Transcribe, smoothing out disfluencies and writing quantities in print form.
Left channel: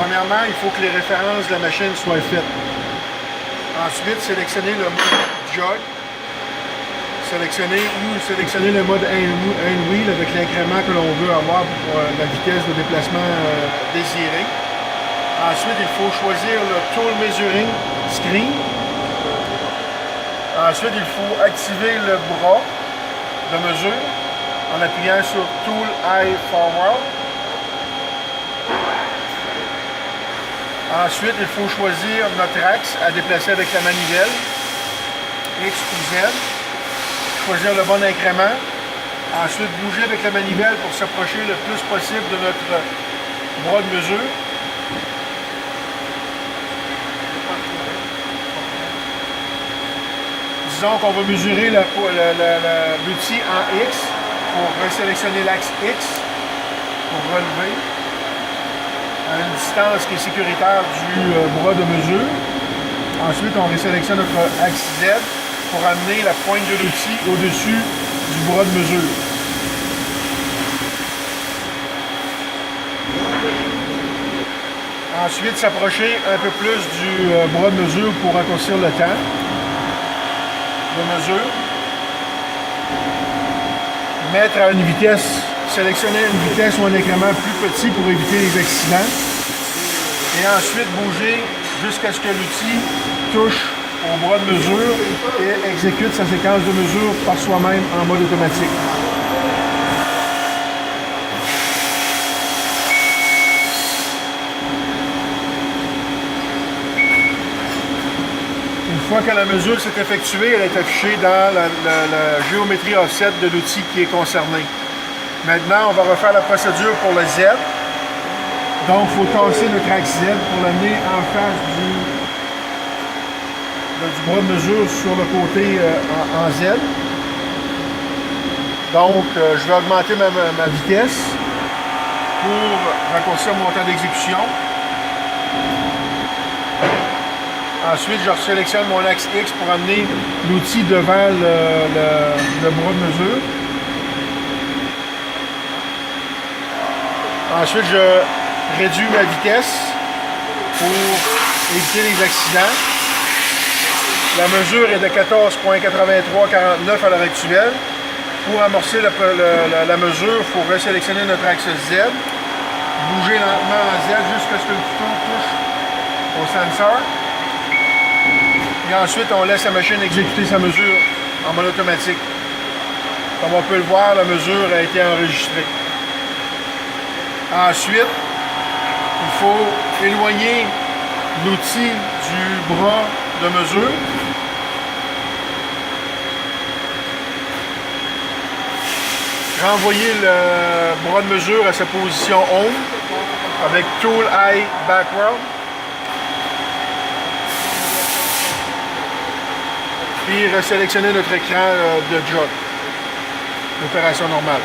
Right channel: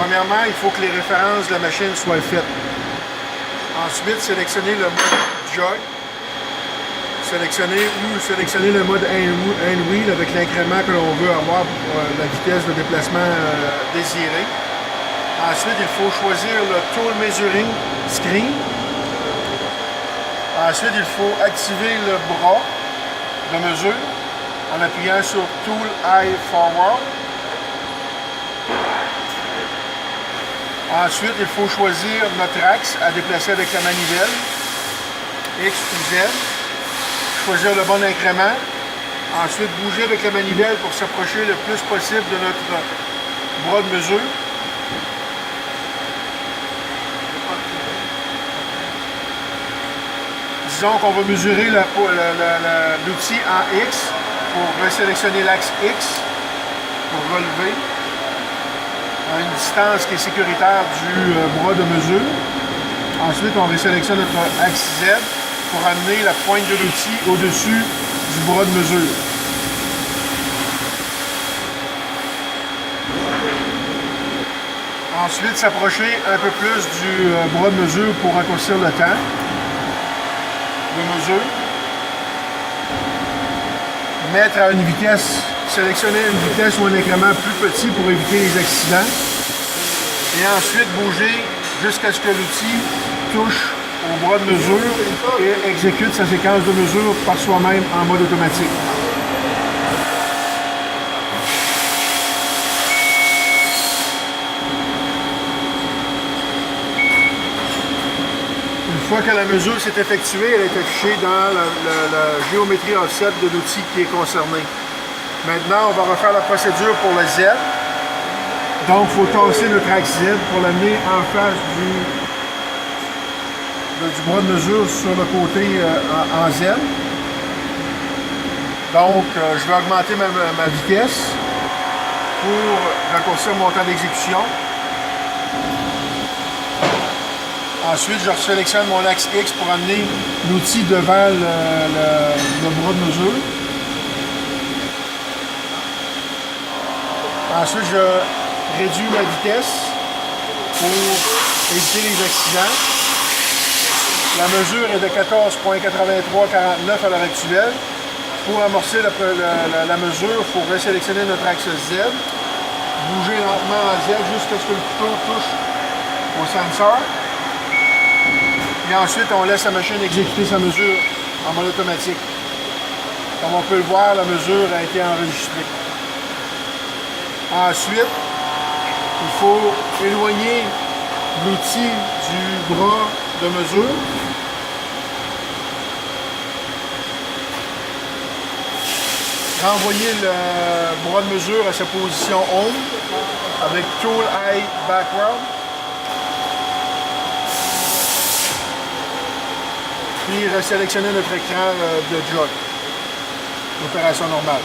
Premièrement, il faut que les références de la machine soient faites. Ensuite, sélectionner le mode jog. Sélectionner le mode hand wheel avec l'incrément que l'on veut avoir pour la vitesse de déplacement désirée. Ensuite, il faut choisir le Tool Measuring Screen. Ensuite, il faut activer le bras de mesure en appuyant sur Tool Eye Forward. Ensuite, il faut choisir notre axe à déplacer avec la manivelle, X ou Z. Choisir le bon incrément. Ensuite, bouger avec la manivelle pour s'approcher le plus possible de notre bras de mesure. Disons qu'on va mesurer l'outil en X pour resélectionner l'axe X pour relever à une distance qui est sécuritaire du bras de mesure. Ensuite, on resélectionne notre axe Z pour amener la pointe de l'outil au-dessus du bras de mesure. Ensuite, s'approcher un peu plus du bras de mesure pour raccourcir le temps de mesure. Mettre à une vitesse, sélectionner une vitesse ou un incrément plus petit pour éviter les accidents. Et ensuite, bouger jusqu'à ce que l'outil touche au bras de mesure et exécute sa séquence de mesure par soi-même en mode automatique. Une fois que la mesure s'est effectuée, elle est affichée dans la géométrie offset de l'outil qui est concerné. Maintenant, on va refaire la procédure pour le Z. Donc, il faut tasser notre axe Z pour l'amener en face du bras de mesure sur le côté en Z. Donc, je vais augmenter ma vitesse pour raccourcir mon temps d'exécution. Ensuite, je sélectionne mon axe X pour amener l'outil devant le bras de mesure. Ensuite, je réduis ma vitesse pour éviter les accidents. La mesure est de 14,8349 à l'heure actuelle. Pour amorcer la mesure, il faut resélectionner notre axe Z, bouger lentement en Z jusqu'à ce que le couteau touche au sensor. Et ensuite, on laisse la machine exécuter sa mesure en mode automatique. Comme on peut le voir, la mesure a été enregistrée. Ensuite, il faut éloigner l'outil du bras de mesure. Renvoyer le bras de mesure à sa position home avec Tool Eye Backward. Puis resélectionner notre écran de jog. L'opération normale.